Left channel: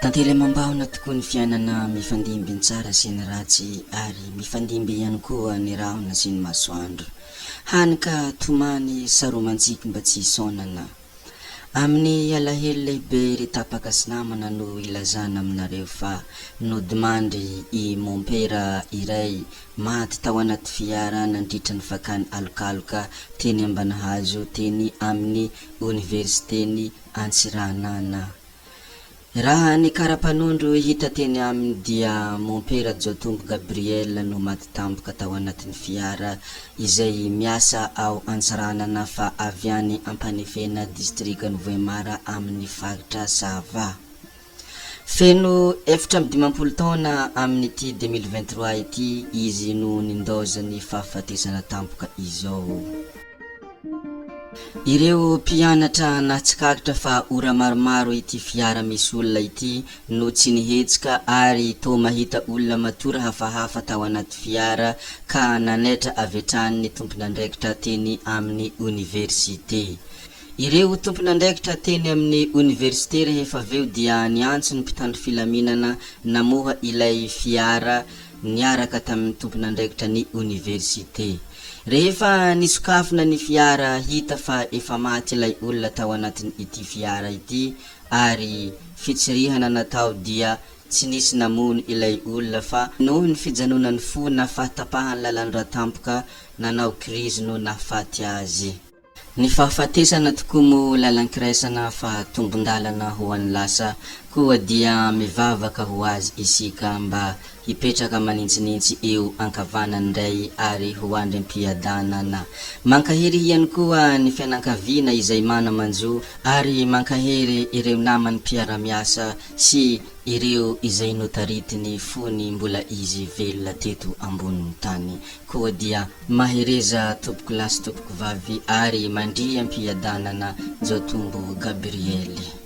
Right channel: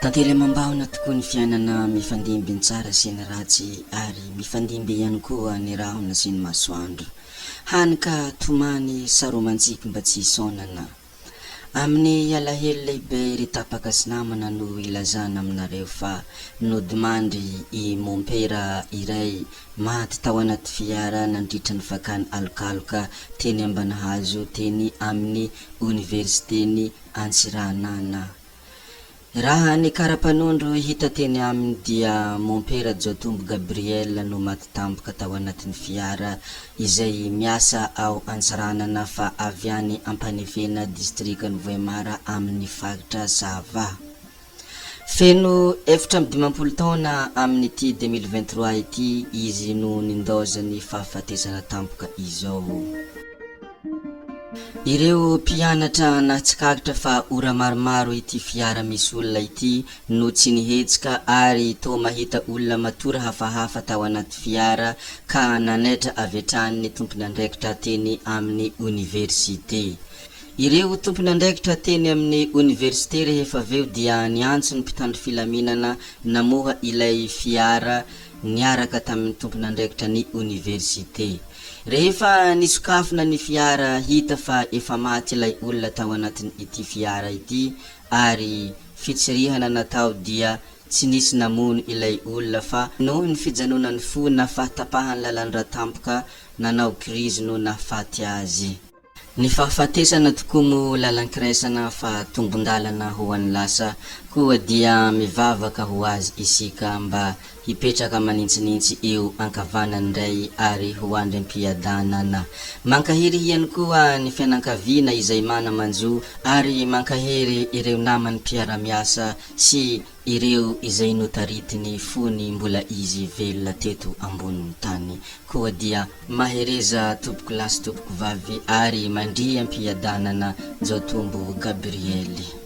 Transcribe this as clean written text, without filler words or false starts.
Tantely mambahona tokoa ny fiainana mifandimby ny tsara sy ny ratsy ary mifandimby ihany koa ny rahona sy ny masoandro. Hany ka tomany saromantsiky mba tsy hisaonana. Amin'ny alahelo lehibe ry tapaka sy namana no ilazana aminareo fa nodimandry i mompera iray maty tao anaty fiara nandritra ny fakany alokaloka teny Ambanihazo teny amin'ny universiteny Antsiranana. Raha ny karapanondro hita teny aminy dia mompera Jotombo Gabriel no maty tampoka tao anatin'ny fiara izay miasa ao Antsiranana fa avy any Ampanefena distrikan Voemara amin'ny faritra Sava. Feno 7 taona amin'ny ity 2023 ity izy no nindozany fahafatesana tampoka izao. Ireo mpianatra natsikakitra fa ora maromaro ity fiara misy olona ity no tsy nihetsika ary to mahita olona matora hafahafa tao anaty fiara ka nanaitra avetrany ny tompon'andraikitra teny amin'ny universite. Ireo tompon'andraikitra teny amin'ny universite rehefa aveo dia niantso ny mpitandro filaminana namoha ilay fiara niaraka tamin'ny tompon'andraikitra ny universite. Rehefa nisokafina ny fiara hita fa efa maty ilay olona tao anatin' ity fiara ity ary fitsirihana natao dia tsy nisy namono ilay olona fa noho ny fijanonany fo na fahatapahany lalandra tampoka nanao krizy no nafaty azy. Ny fahafatesana tokoa mo lalankiraisana fa tombondalana ho an'ny lasa koa dia mivavaka ho azy isika mba hipetraka manintsinintsy eo ankavanany ray ary ho andrem-piadanana. Mankahery ihany koa ny fianankaviana izay mana manjo ary mankahery ireo namany mpiara-miasa sy ireo izay notaritiny fony mbola izy velona teto ambonin'ny tany. Koa dia mahereza tompoko lasy tompoko vavy ary mandria am-piadanana Jotombo Gabriel.